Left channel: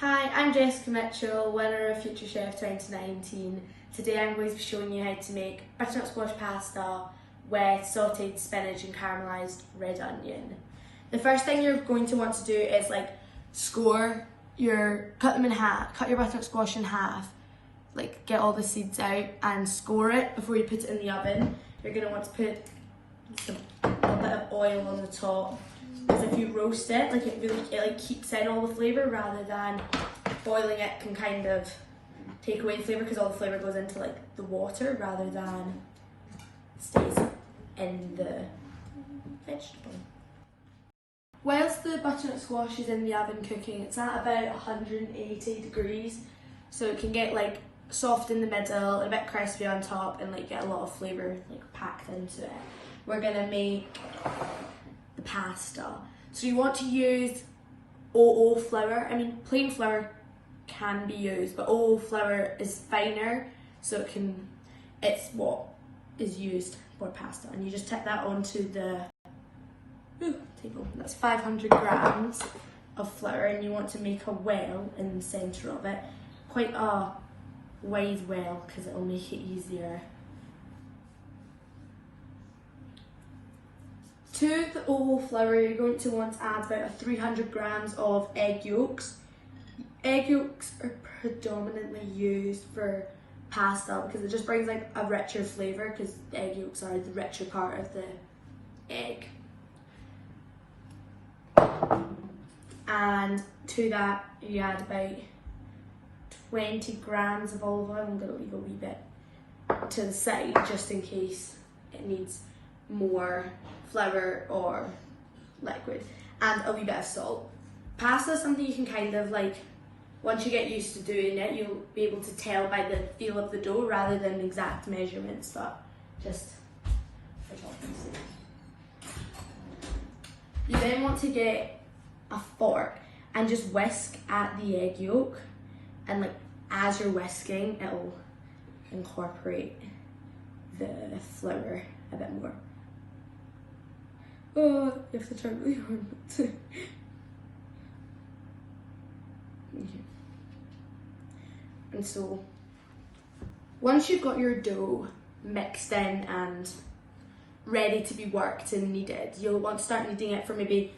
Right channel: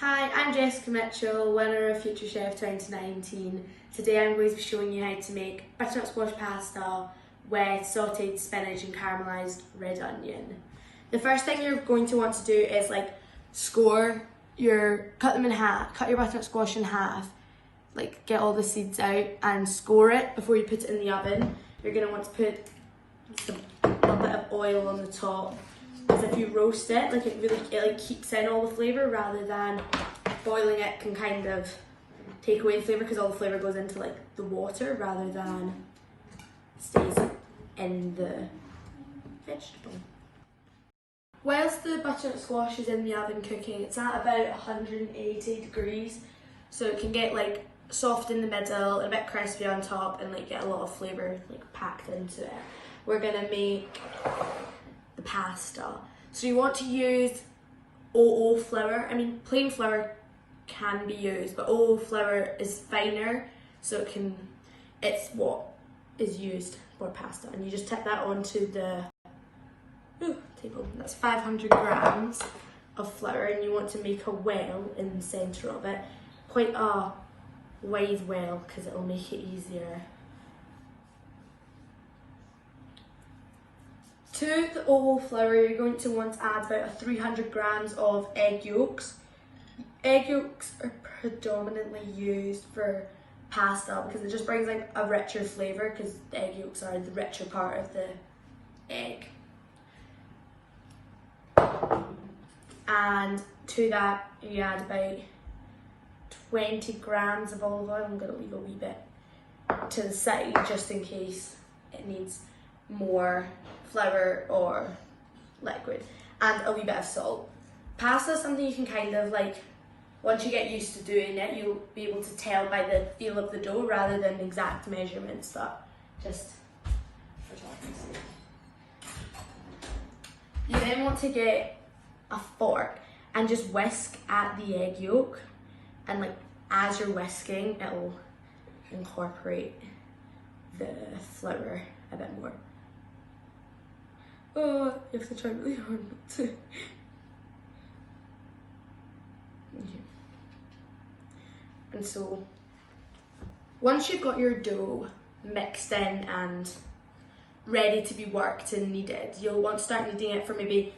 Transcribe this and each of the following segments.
Hi, I'm Jessica Mitchell, winner of Future Chef 2019. Today I'm going to be showing you how to make butternut squash pasta with sautéed spinach and caramelised red onion. The first thing you're going to want to do is cut them in half, cut your butternut squash in half, get all the seeds out and score it before you put it in the oven. You're going to want to put a bit of oil on the top. Because if you roast it, it keeps in all the flavour, rather than boiling it can kind of take away the flavour, because all the flavour goes into the water rather than stays in the vegetable. Whilst the butternut squash is in the oven cooking, it's at about 180 degrees, so it can get soft in the middle and a bit crispy on top, and get a lot of flavour packed into it. We're gonna make the pasta. So you want to use 00 flour. I mean, plain flour can be used, but 00 flour is finer, so it's what is used for pasta. And you just tip that onto the table. That's 500 grams of flour, and you want to make a well in the centre of it, quite a wide well, because it will make it easier. To the 00 flour, you're going to want to add about 300 grams of egg yolks. Egg yolks are predominantly used for pasta because it just brings a richer flavour, because the egg yolks are the richer part of the egg. And to that you add about 20 grams of olive oil. I'm going to leave a wee bit to the side just in case it needs more flour or liquid, and a wee bit of salt. Pasta is something you can once you get used to doing it, you'll be able to tell by the feel of the dough rather than the exact measurements, but just for talking's sake. You then want to get a fork and just whisk at the egg yolk, and as you're whisking, it'll incorporate the flour a bit more. Oh, you have to try really hard not to. And so, once you've got your dough mixed in and ready to be worked and kneaded, you'll want to start kneading it for maybe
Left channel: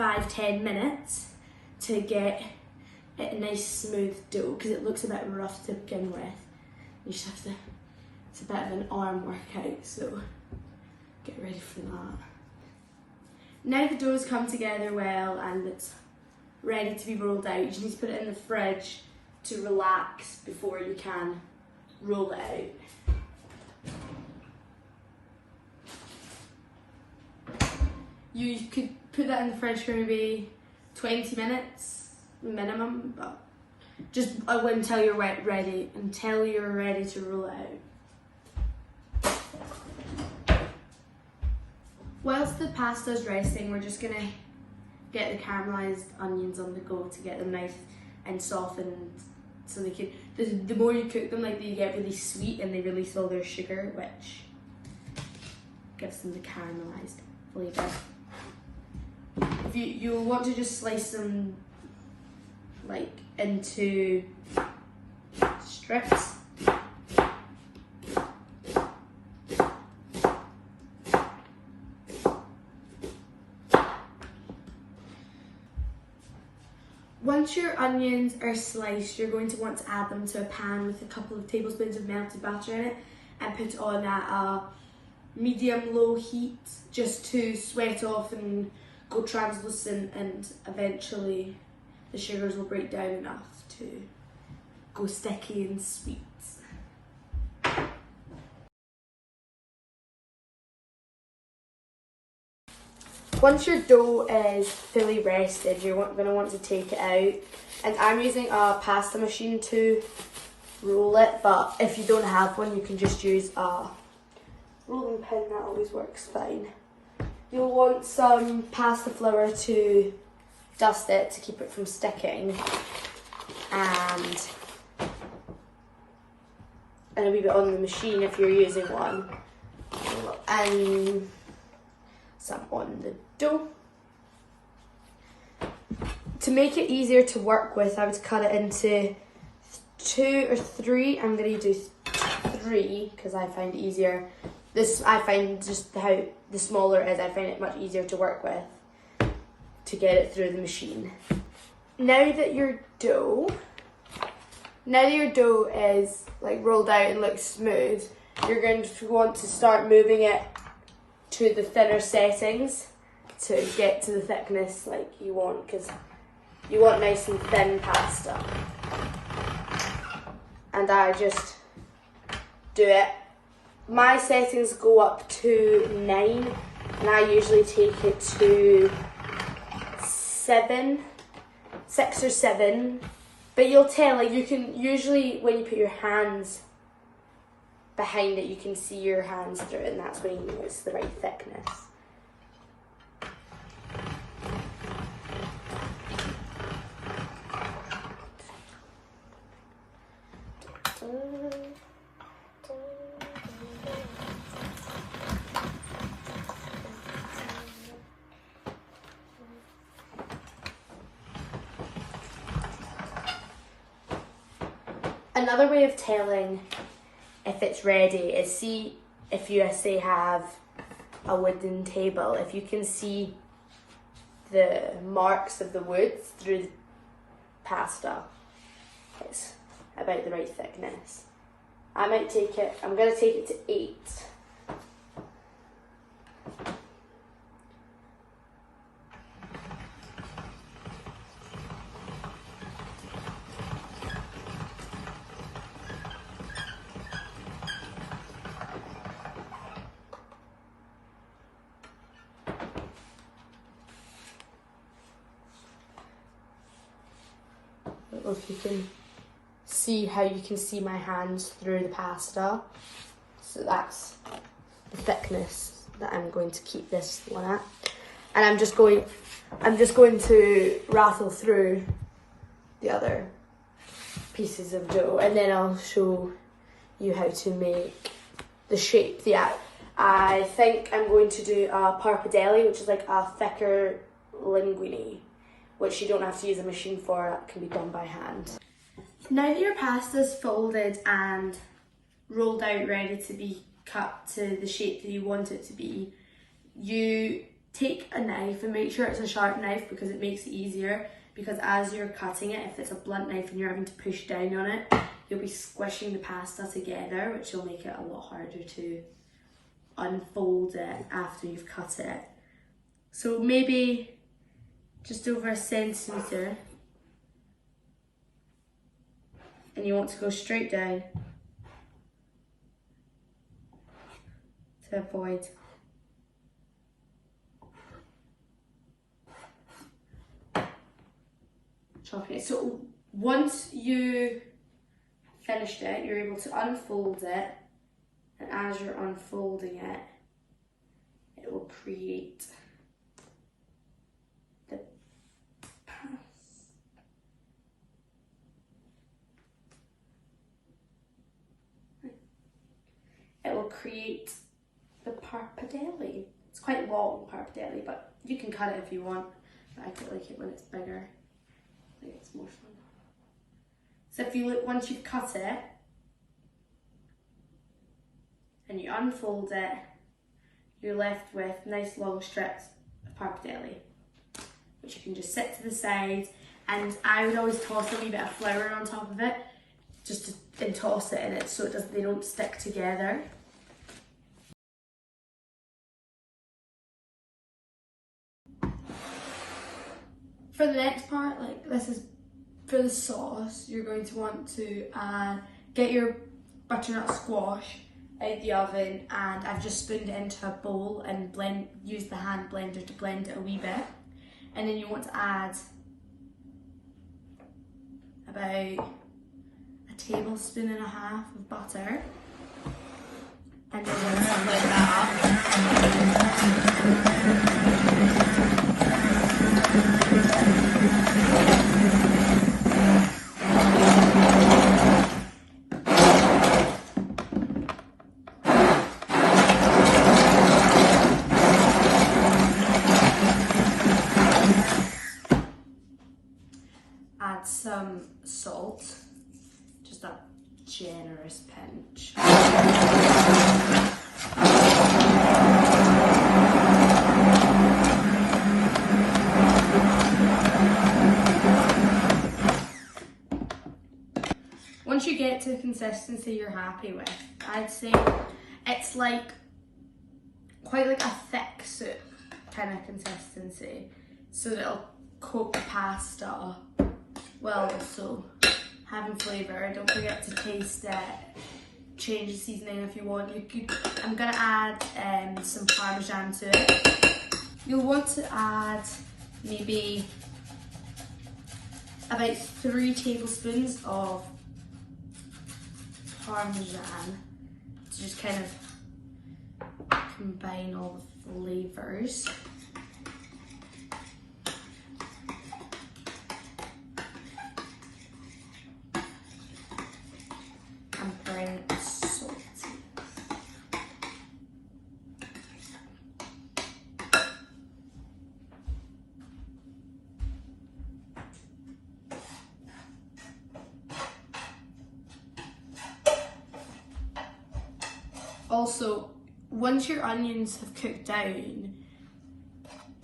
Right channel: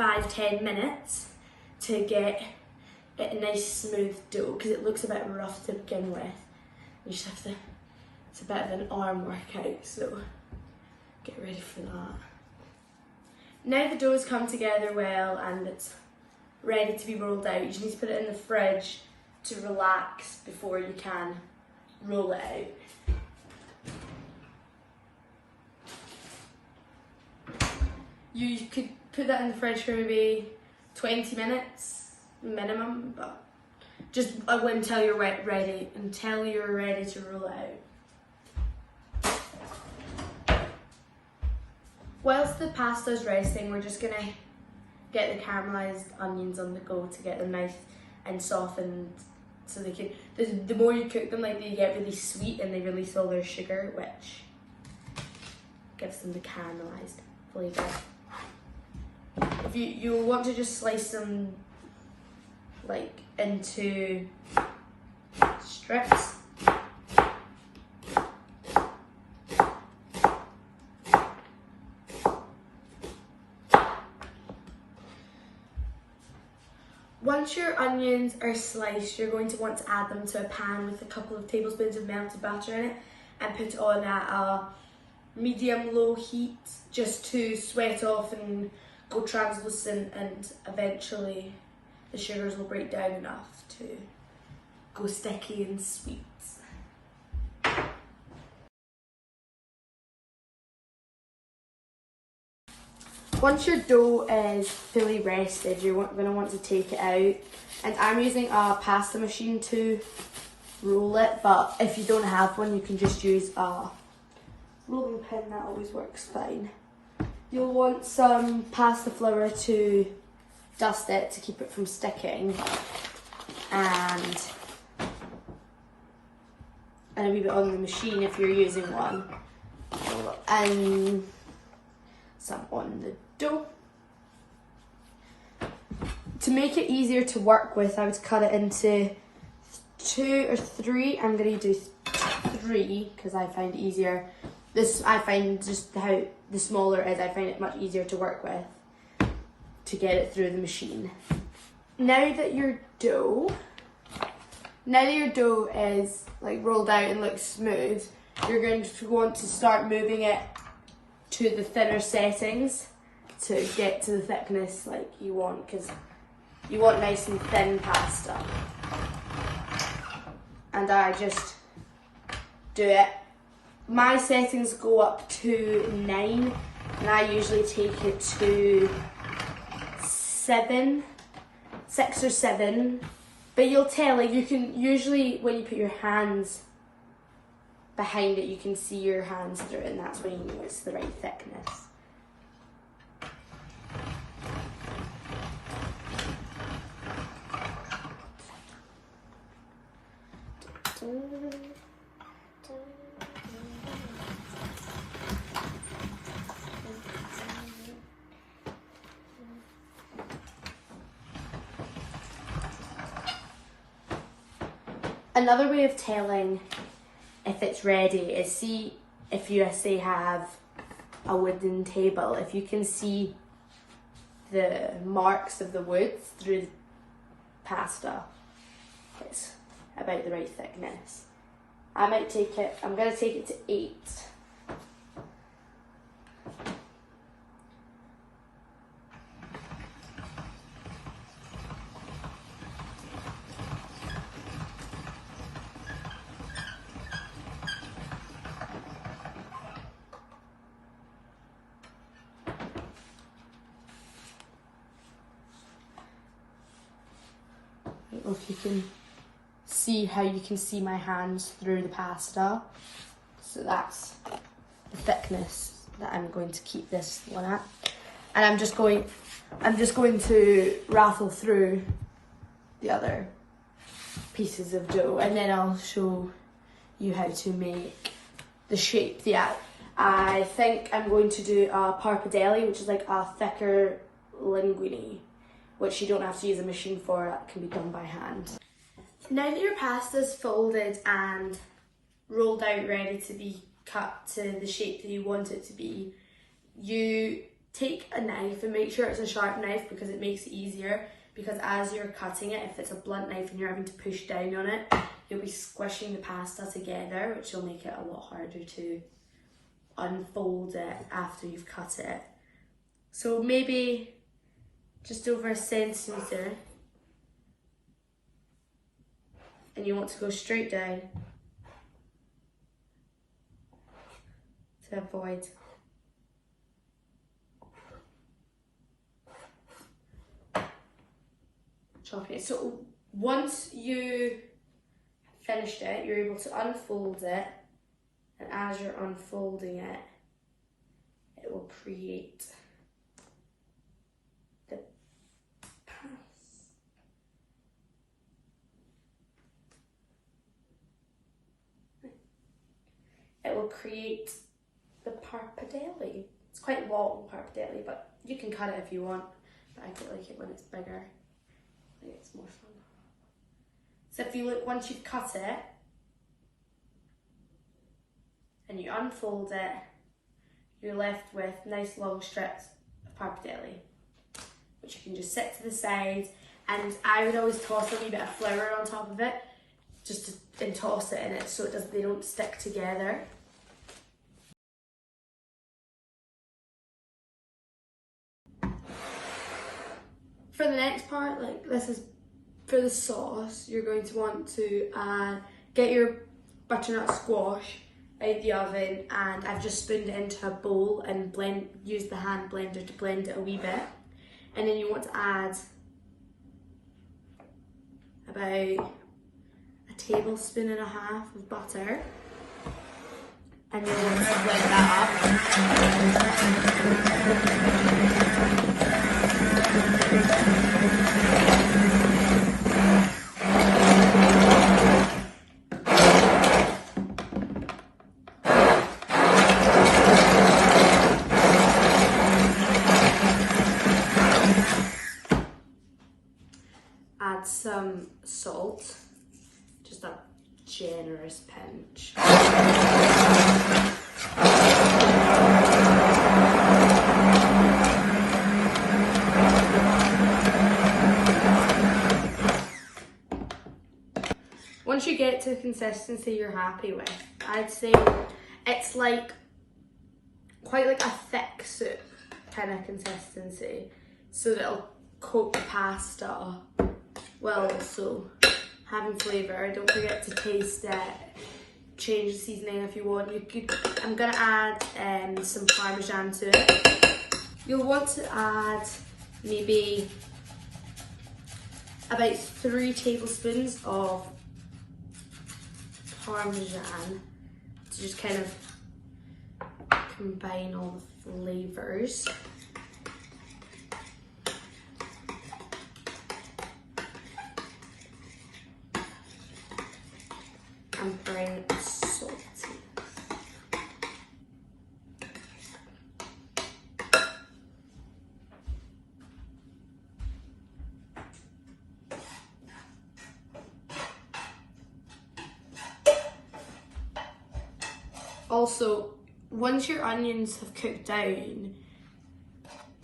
5-10 minutes to get it a nice smooth dough, because it looks a bit rough to begin with. You just have to, it's a bit of an arm workout, so get ready for that. Now the dough's come together well and it's ready to be rolled out, you just need to put it in the fridge to relax before you can roll it out. You could put that in the fridge for maybe 20 minutes minimum, but just until you're ready to roll it out. Whilst the pasta's resting, we're just gonna get the caramelised onions on the go to get them nice and softened, so they can. The more you cook them, they get really sweet and they release all their sugar, which gives them the caramelised flavour. If you will want to just slice them into strips. Once your onions are sliced, you're going to want to add them to a pan with a couple of tablespoons of melted butter in it, and put it on at a medium-low heat just to sweat off and go translucent, and eventually the sugars will break down enough to go sticky and sweet. Once your dough is fully rested, you're going to want to take it out, and I'm using a pasta machine to roll it, but if you don't have one, you can just use a rolling pin, that always works fine. You'll want some pasta flour to dust it to keep it from sticking, and a wee bit on the machine if you're using one, and some on the dough. To make it easier to work with, I would cut it into 2 or 3. I'm going to do 3 because I find it easier. I find just how the smaller it is, I find it much easier to work with to get it through the machine. Now that your dough is like rolled out and looks smooth, you're going to want to start moving it to the thinner settings to get to the thickness like you want, because you want nice and thin pasta. And I just do it. My settings go up to 9, and I usually take it to 6 or 7. But you'll tell, like, you can usually, when you put your hands behind it, you can see your hands through it, and that's when you know it's the right thickness. Another way of telling if it's ready is see if you say have a wooden table, if you can see the marks of the wood through the pasta, it's about the right thickness. I'm going to take it to 8. I don't know if you can see how you can see my hands through the pasta. So that's the thickness that I'm going to keep this one at. And I'm just going to rattle through the other pieces of dough, and then I'll show you how to make the shape. Yeah, I think I'm going to do a pappardelle, which is like a thicker linguine, which you don't have to use a machine for, that can be done by hand. Now that your pasta's folded and rolled out, ready to be cut to the shape that you want it to be, you take a knife and make sure it's a sharp knife because it makes it easier, because as you're cutting it, if it's a blunt knife and you're having to push down on it, you'll be squishing the pasta together, which will make it a lot harder to unfold it after you've cut it. So maybe just over 1 centimetre, and you want to go straight down to avoid chopping it. So once you finished it, you're able to unfold it, and as you're unfolding it, it will create the pappardelle. It's quite long, pappardelle, but you can cut it if you want. But I quite like it when it's bigger. I think it's more fun. So if you look, once you've cut it and you unfold it, you're left with nice long strips of pappardelle, which you can just set to the side. And I would always toss a wee bit of flour on top of it, just to toss it in it so they don't stick together. For the next part, like this is for the sauce, you're going to want to get your butternut squash out of the oven, and I've just spooned it into a bowl and use the hand blender to blend it a wee bit. And then you want to add about 1.5 tablespoons of butter, and then once you blend that up, some salt, just a generous pinch. Once you get to the consistency you're happy with, I'd say it's like quite like a thick soup kind of consistency, so that it'll coat the pasta while also having flavour. Don't forget to taste it. Change the seasoning if you want. I'm gonna add some Parmesan to it. You'll want to add maybe about 3 tablespoons of Parmesan to just kind of combine all the flavours. And bring salty. Also, once your onions have cooked down,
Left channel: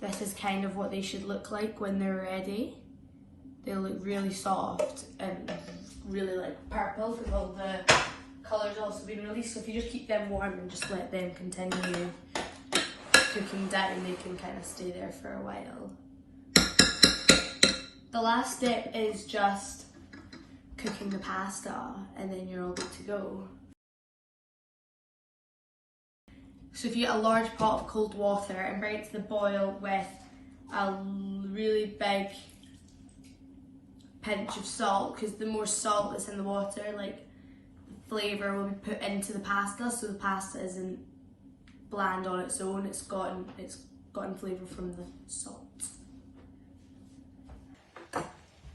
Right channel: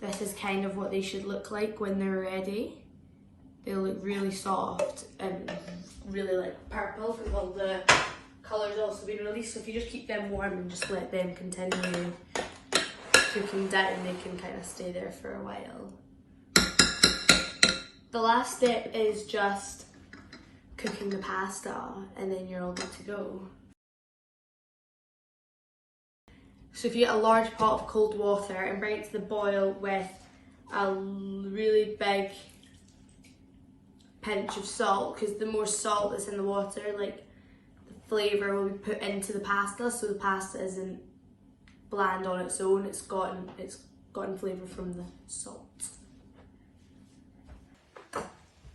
this is kind of what they should look like when they're ready. They'll look really soft and really like purple because all the colour's also been released. So if you just keep them warm and just let them continue cooking down, they can kind of stay there for a while. The last step is just cooking the pasta, and then you're all good to go. So if you get a large pot of cold water and bring it to the boil with a really big pinch of salt, because the more salt that's in the water, like the flavour will be put into the pasta, so the pasta isn't bland on its own, it's gotten flavour from the salt.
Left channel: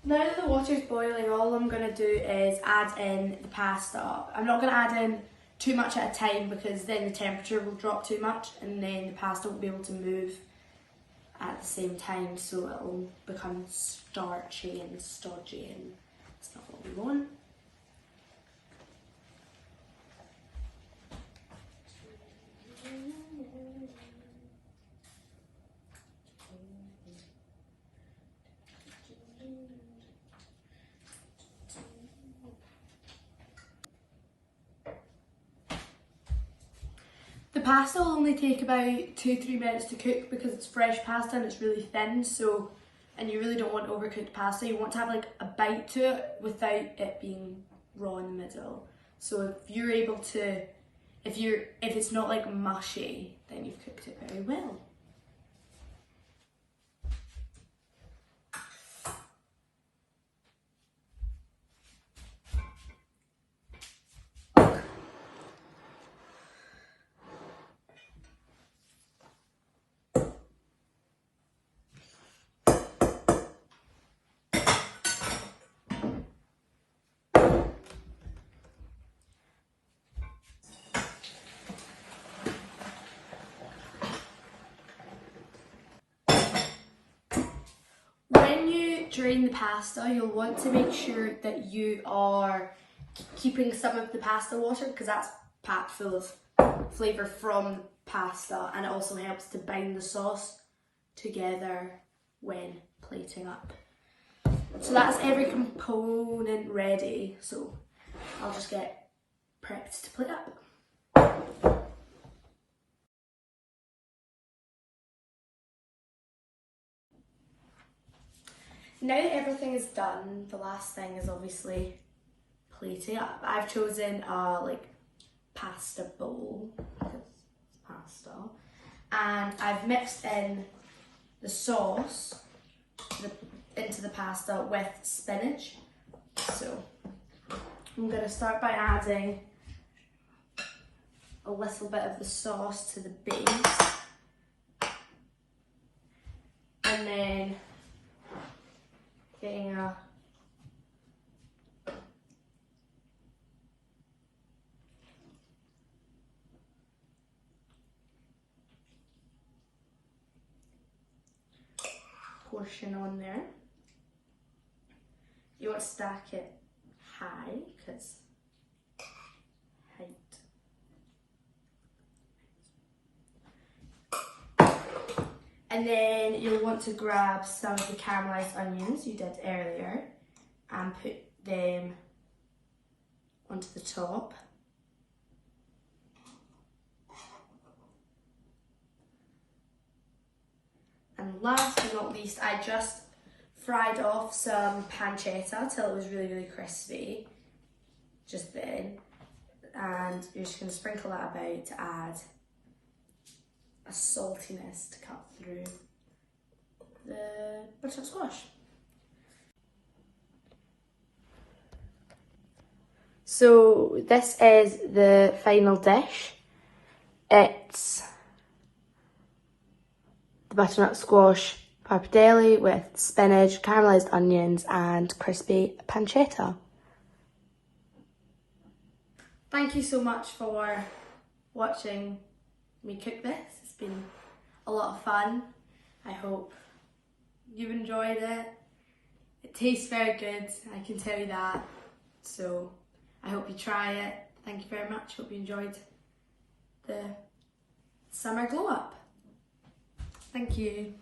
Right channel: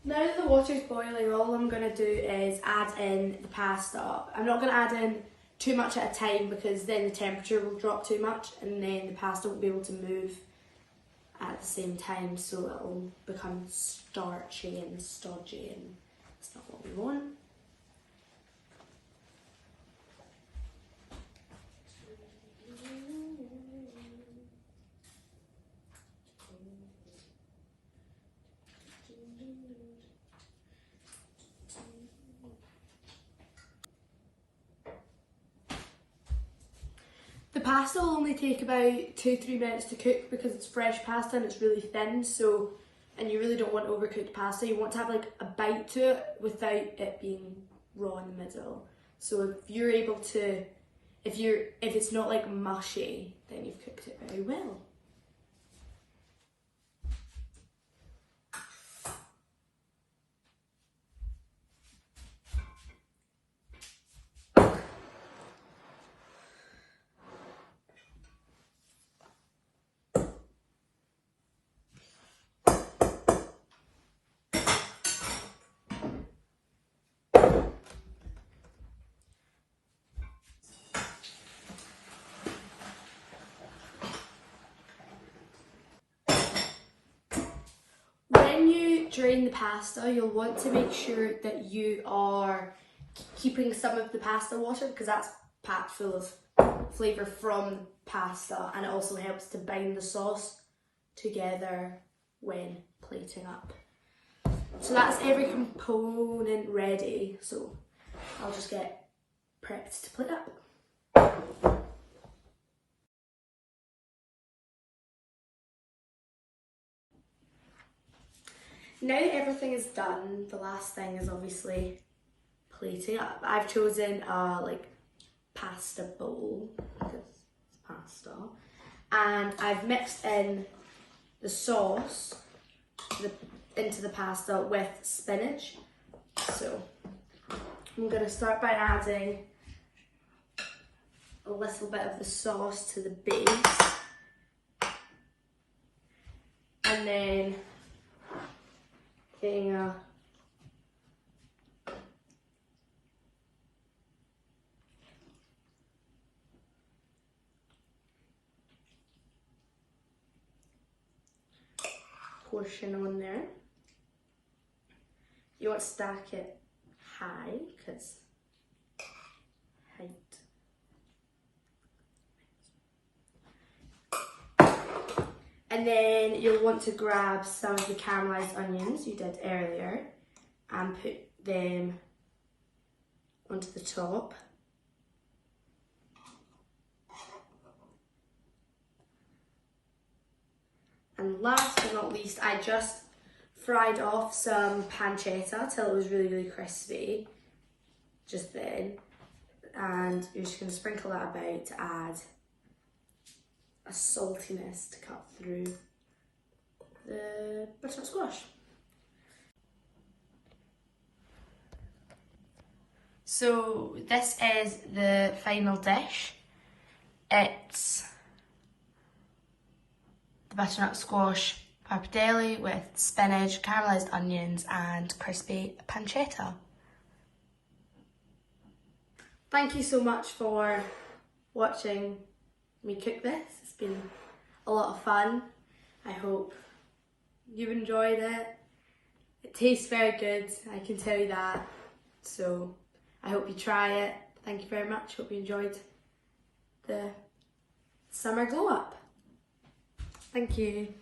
Now that the water's boiling, all I'm going to do is add in the pasta. I'm not going to add in too much at a time because then the temperature will drop too much and then the pasta won't be able to move at the same time, so it'll become starchy and stodgy, and it's not what we want. The pasta will only take about 2-3 minutes to cook because it's fresh pasta and it's really thin, so, and you really don't want overcooked pasta. You want to have like a bite to it without it being raw in the middle. So if you're able to, if it's not like mushy, then you've cooked it very well. When you drain the pasta, you'll want to make sure that you are keeping some of the pasta water because that's packed full of flavour from pasta, and it also helps to bind the sauce together when plating up. So that's every component ready, so I'll just get prepped to plate up. Now that everything is done, the last thing is obviously plating up. I've chosen a pasta bowl, because it's pasta, and I've mixed in the sauce into the pasta with spinach. So I'm going to start by adding a little bit of the sauce to the base, and then getting a portion on there. You want to stack it high, because height. And then you'll want to grab some of the caramelised onions you did earlier and put them onto the top. And last but not least, I just fried off some pancetta till it was really, really crispy just then. And you're just going to sprinkle that about to add a saltiness to cut through the butternut squash. So this is the final dish. It's the butternut squash pappardelle with spinach, caramelised onions and crispy pancetta. Thank you so much for watching me cook this. It's been a lot of fun. I hope you've enjoyed it. It tastes very good, I can tell you that. So I hope you try it. Thank you very much. Hope you enjoyed the summer glow up. Thank you.